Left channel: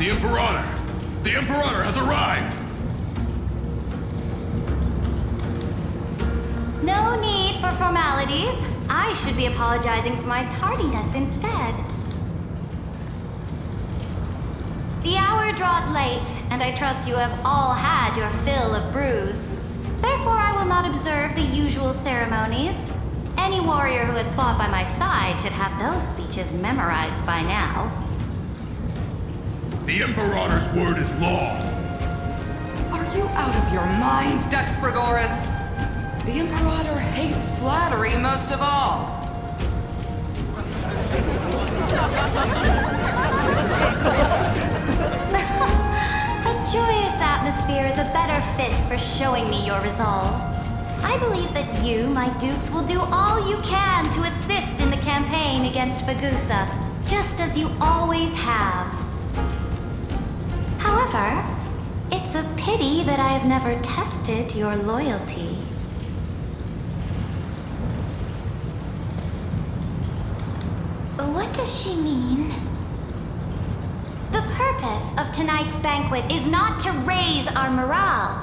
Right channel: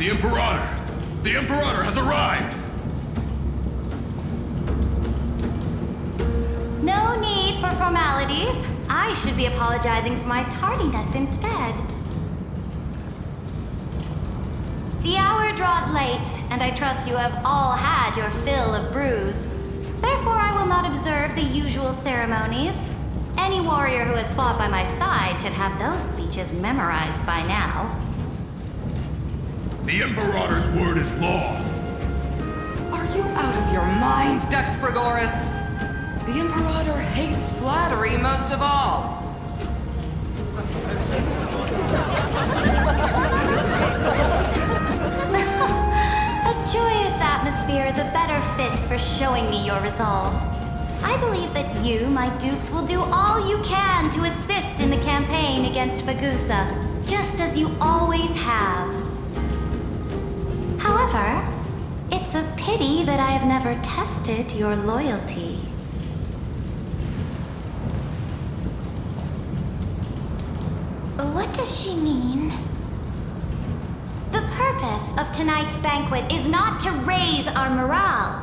The Imperator! The Imperator has arrived! No need for formalities. I should be apologizing for my tardiness instead. The hour draws late, and I trust you have all had your fill of brews. Therefore, I will not observe the usual ceremonies. Any warrior who has fought by my side should have those speeches memorized by now. The Imperator's word is law! Are you out of your mind, Dux Frigoris? The Imperator hates flattery most of all. A joyous atmosphere is a better fit for showing me your resolve. I believe that you, my dukes, will do all you can to assist in the campaign against Fagusa, just as you always have. However, it's a pity that I have never tested your loyalty. What does she mean? The purpose of tonight's banquet is not to raise our morale,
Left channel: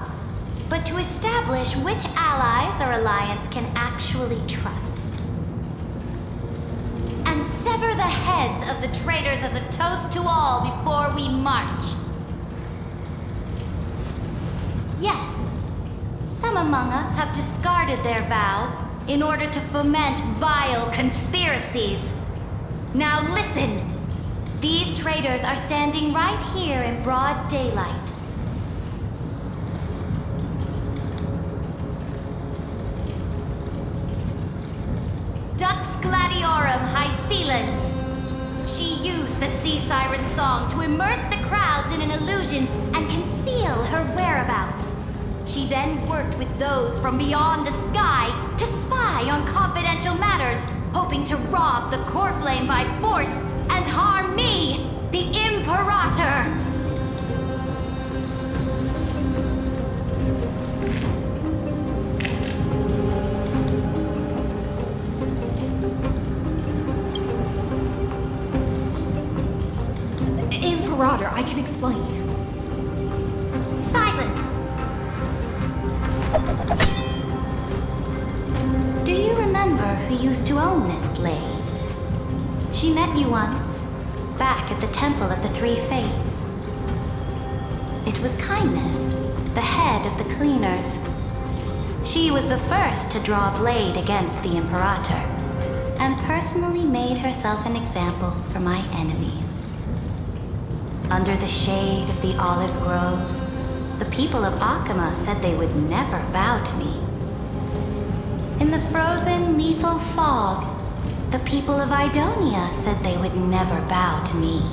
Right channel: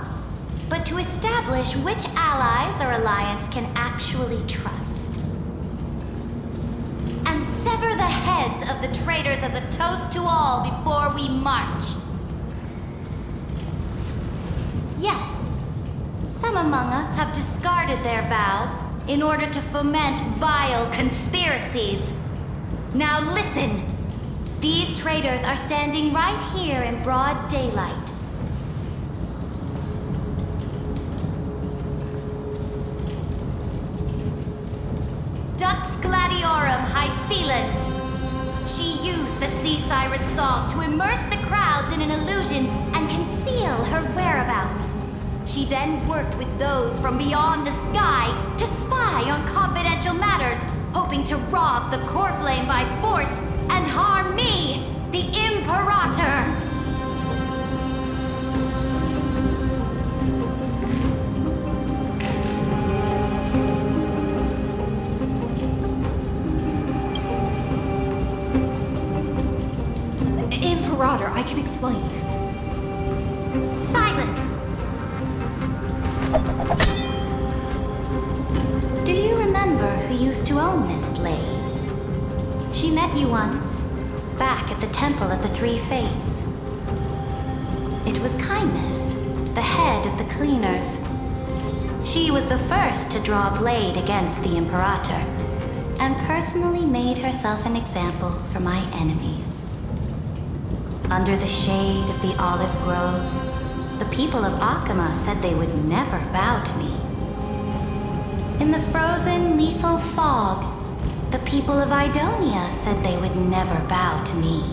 but to establish which allies our alliance can actually trust. And sever the heads of the traitors as a toast to all before we march. Yes, some among us have discarded their vows in order to foment vile conspiracies. Now listen! These traitors are standing right here in broad daylight. Dux Gladiorum Hycelens. She used the Sea Siren song to immerse the crowds in an illusion and conceal her whereabouts. She then worked with those from beyond the sky to spy on confidential matters, hoping to rob the core flame by force and harm me, the Imperator! Imperator, I can explain. Silence! Do you remember who used to own this blade? She met you once, back at the Temple of the Three Fates. It was Kindness, the head of the Cleaners. She was the first to draw a blade against the Imperator, and personally made herself an example for my enemies. Under the shade of the olive groves, the people of Akama said they would never bow to me. In the frozen, lethal fog, the people of Idonia said they would never bow to me.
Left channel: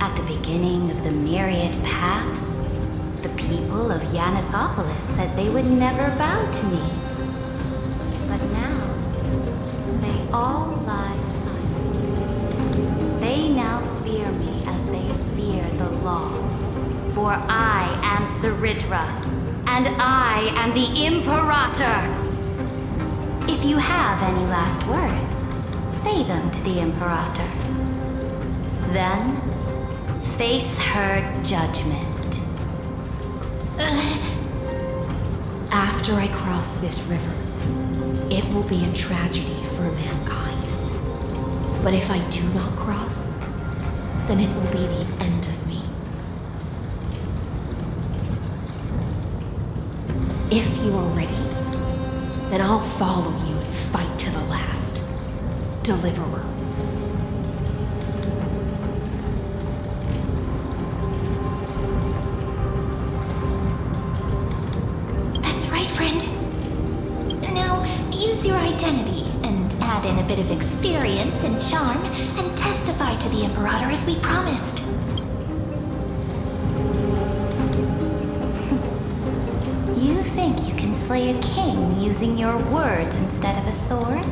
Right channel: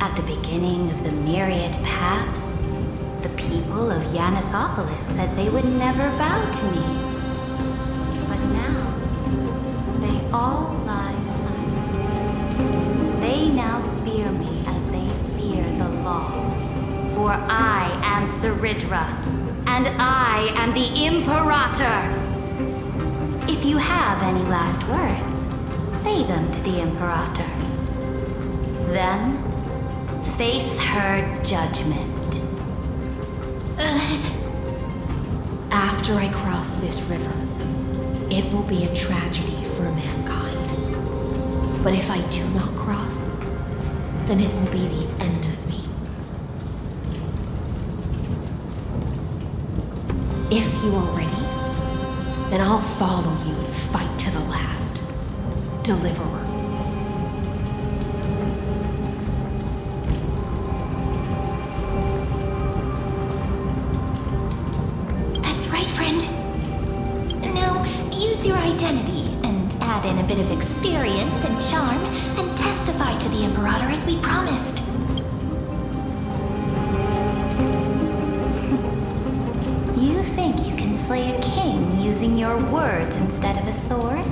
At the beginning of the myriad paths, the people of Yanisopolis said they would never bow to me. But now, they all lie silent. They now fear me as they fear the law. For I am Cerydra, and I am the Imperator! If you have any last words, say them to the Imperator. Then, face her judgment. After I cross this river, it will be a tragedy for mankind. But if I do not cross, then it will be the end of me. If you are ready, then I'll follow you and fight to the last. Deliverer. That's right, friend. Now, use your identity and add in a bit of experience and charm and testify to the Imperator as we promised. You think you can slay a king using your words instead of a sword?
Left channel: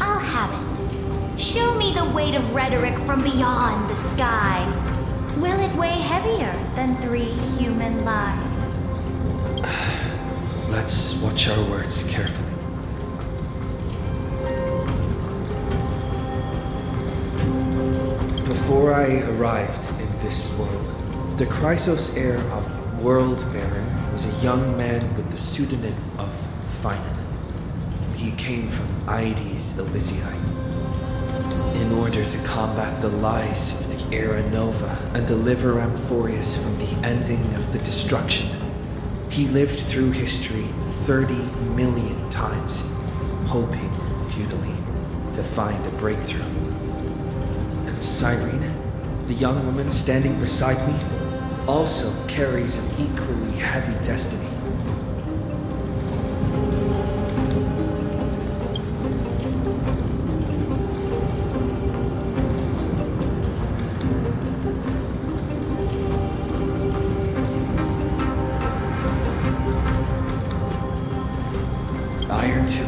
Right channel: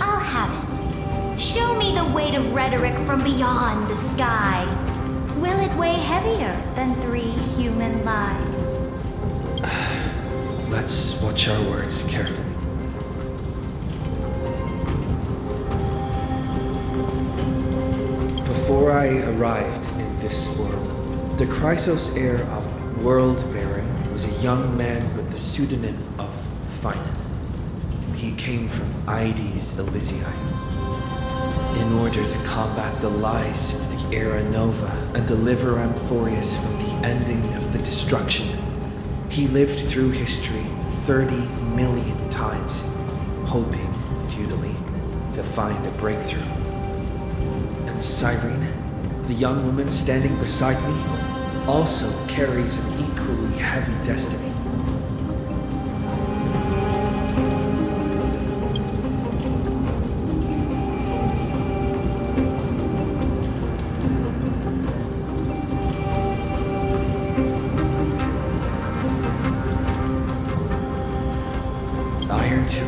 I'll have it. Show me the weight of rhetoric from beyond the sky. Will it weigh heavier than 3 human lives? Let's watch our words carefully. Before I arrived in this world, the Chrysos heir of World Baron was a young man with the pseudonym of Finan. He came from Ides Elysiae. In order to combat the lies of the Era Nova and deliver Amphorius from the ending of the destruction, he lived through history 30 million times, hoping, futilely, to find a breakthrough. And Cyrene, the young woman standing beside me, also carries an equally heavy destiny. Iron Tomb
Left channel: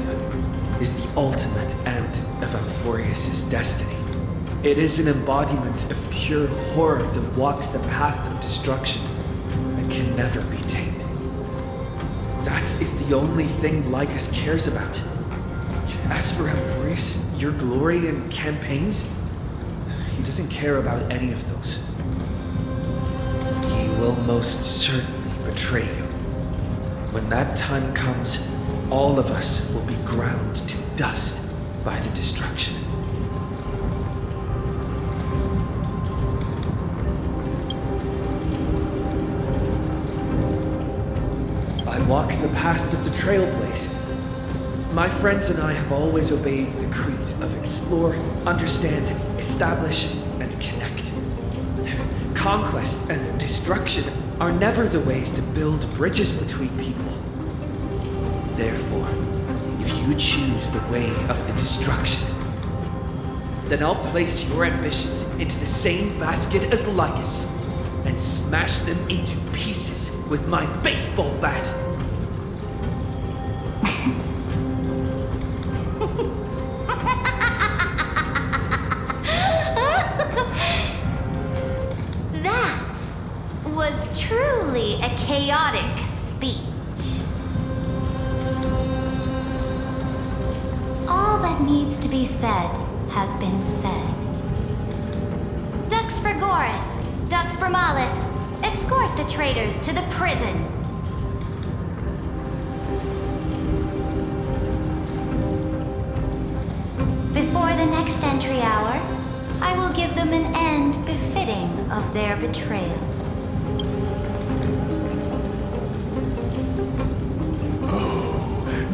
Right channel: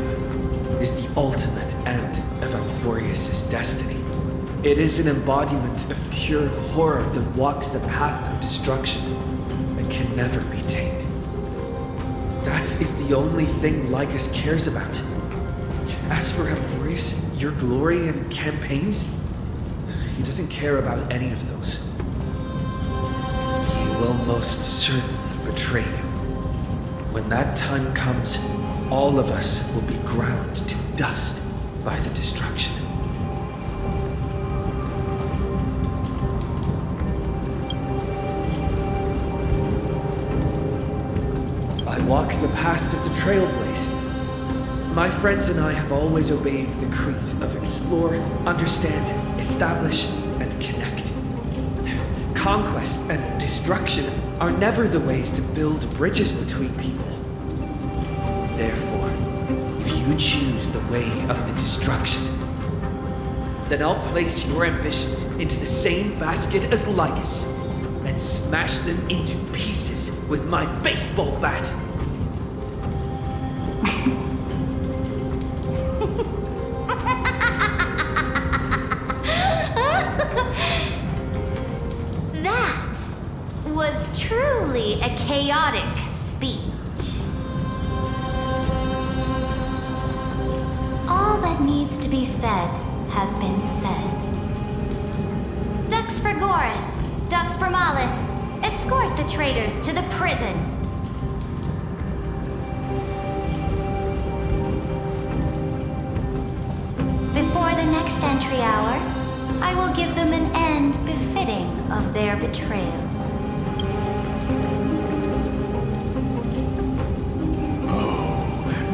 is the ultimate end of Amphorius' destiny. It is an embodiment of pure horror that walks the path of destruction and can never be tamed. That is the only thing Lygus cares about. As for Amphorius, your glory and campaigns, he doesn't care about any of those. He will most certainly betray you. When that time comes, all of us will be ground to dust by the destruction. I walk the path of the Trailblaze. My friends and I have always obeyed the creed of explore, understand, establish, and connect. Conquest and destruction are never the ways to build bridges between people. Therefore, if you choose the way of the destruction, then I'll place your ambitions into the same basket as Lygus and smash them into pieces with my baseball bat. That was truly a chaotic speech. All that needs to be said has been said. Dux Frigoris, Dux Bromalis, escort the traitors to the prison. Before the next entry hour, I will give them an end befitting of their betrayal.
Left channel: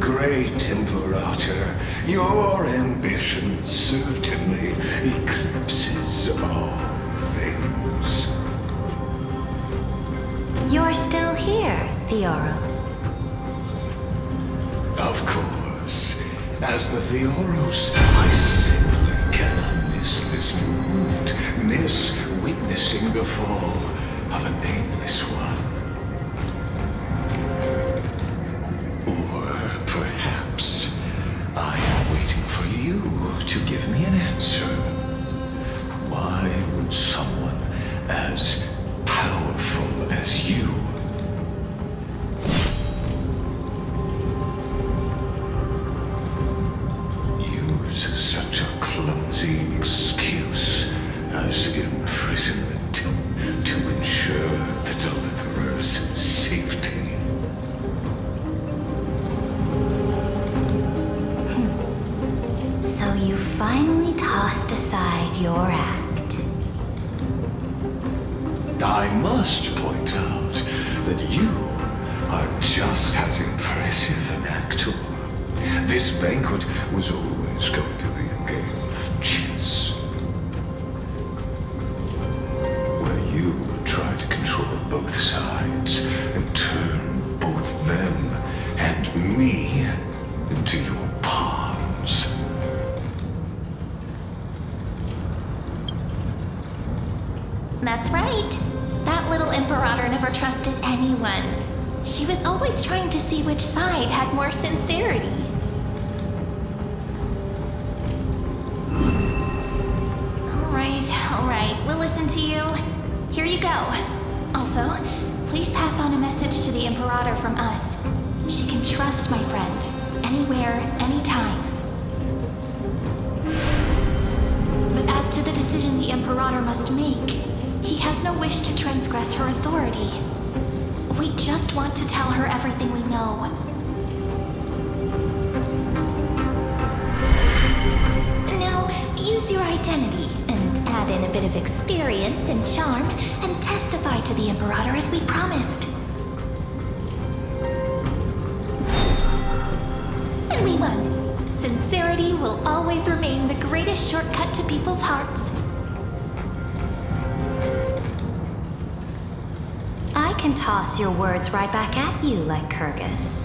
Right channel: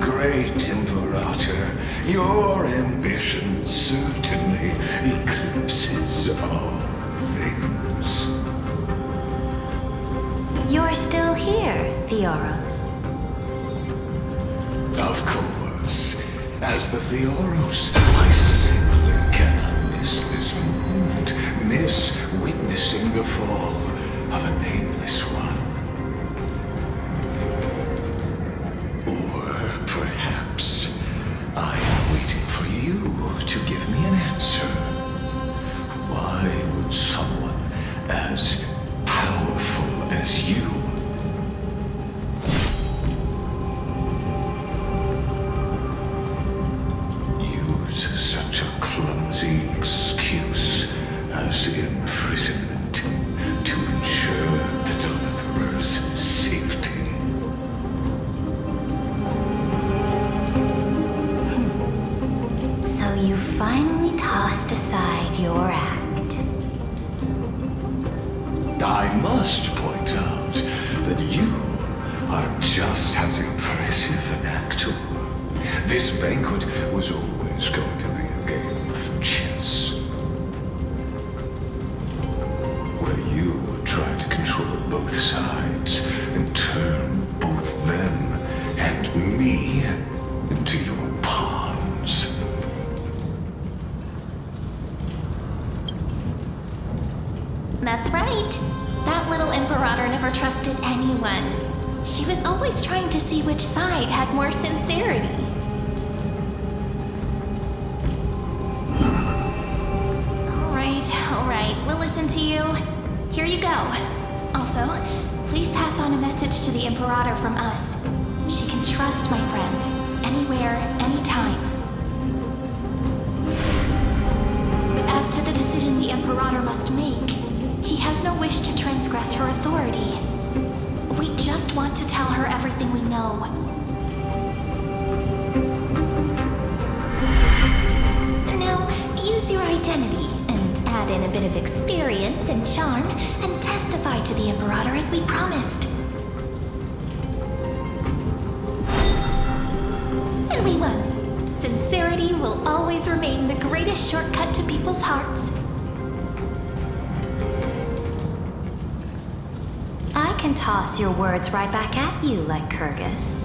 Great Imperator, your ambition certainly eclipses all things. You're still here, Theoros. Of course. As the Theoros, I simply cannot miss this moment, miss witnessing the fall of a nameless one. Or perhaps I am waiting for you to give me an answer. Why would someone as powerful as you use such a clumsy excuse as imprisonment to ensure the deliverer's safety? So you finally tossed aside your act. I must point out that you are just as impressive an actor. This banquet was always going to be a game of chess, where you would try to control both sides and turn both them and me into your pawns. That's right. That little Imperator never trusted anyone. She was always trying to see which side had more sincerity. All right, we'll listen to you. Here you go. Also, please pass on a message to the Imperator from us. She can trust my friend, anywhere, anytime. But as to the decision the the Imperator must make. He has no wish to transgress her authority. We just want to tell her everything we know. Now, use your identity and add in a bit of experience and charm and testify to the Imperator as we promised. And we won. Sincerity will always remain the greatest shortcut to people's hearts. I can toss your words right back at you, like Kyrgyz.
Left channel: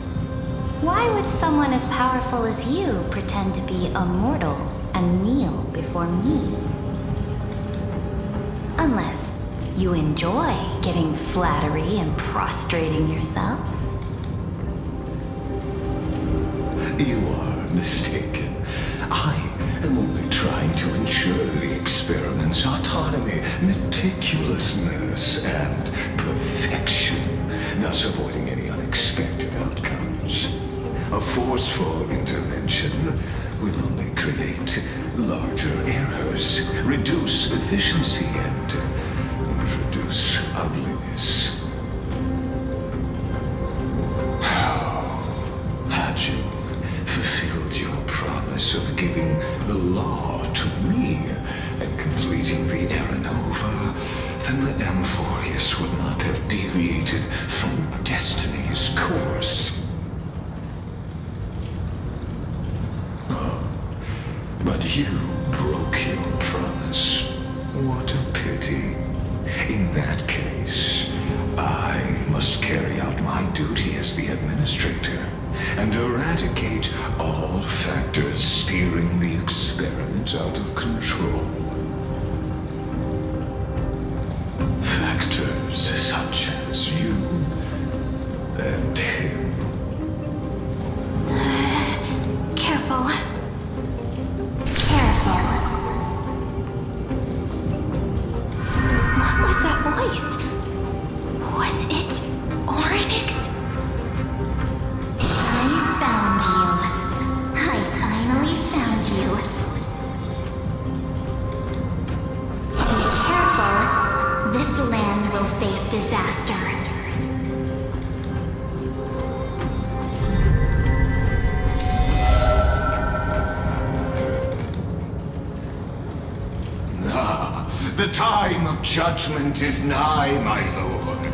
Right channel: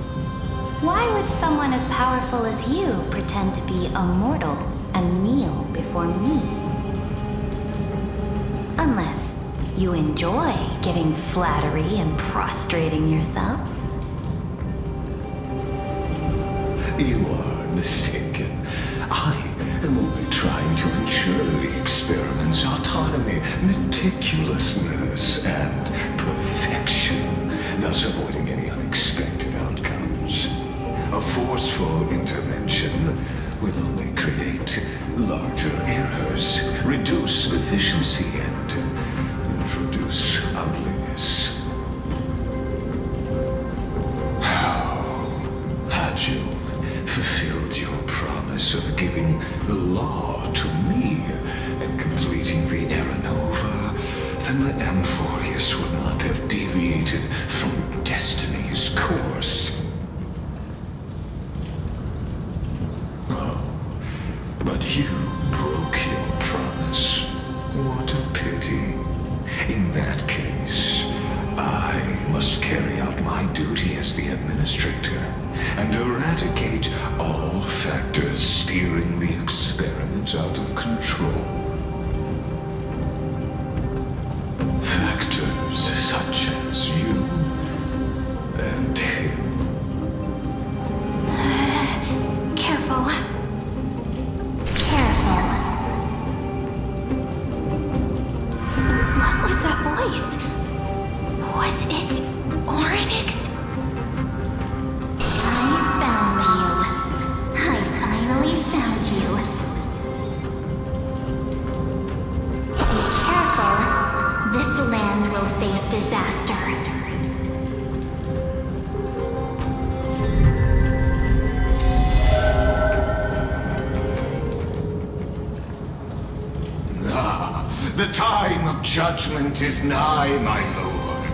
Why would someone as powerful as you pretend to be immortal and kneel before me? Unless you enjoy giving flattery and prostrating yourself. You are mistaken. I am only trying to ensure the experiment's autonomy, meticulousness, and perfection, thus avoiding any unexpected outcomes. A forceful intervention will only create larger errors, reduce efficiency, and introduce ugliness. Had you fulfilled your promise of giving the law to me and completing the Era Nova, then the Amphorius would not have deviated from destiny's course. Oh, but you broke your promise. What a pity. In that case, I must carry out my duty as the administrator and eradicate all factors steering the experiment out of control. Factors such as you and him. Careful. Careful. What was that voice? Was it Oryx? I found you. I finally found you. Be careful. This land will face disaster. The time of judgment is nigh, my lord.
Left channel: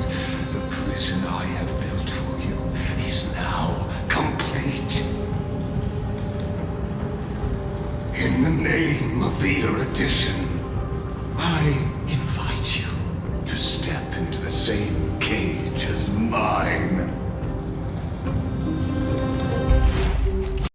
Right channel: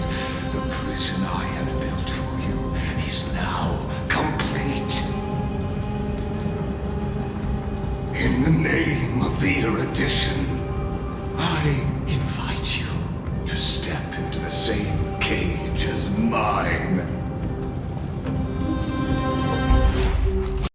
The prison I have built for you is now complete. In the name of the erudition, I invite you to step into the same cage as mine.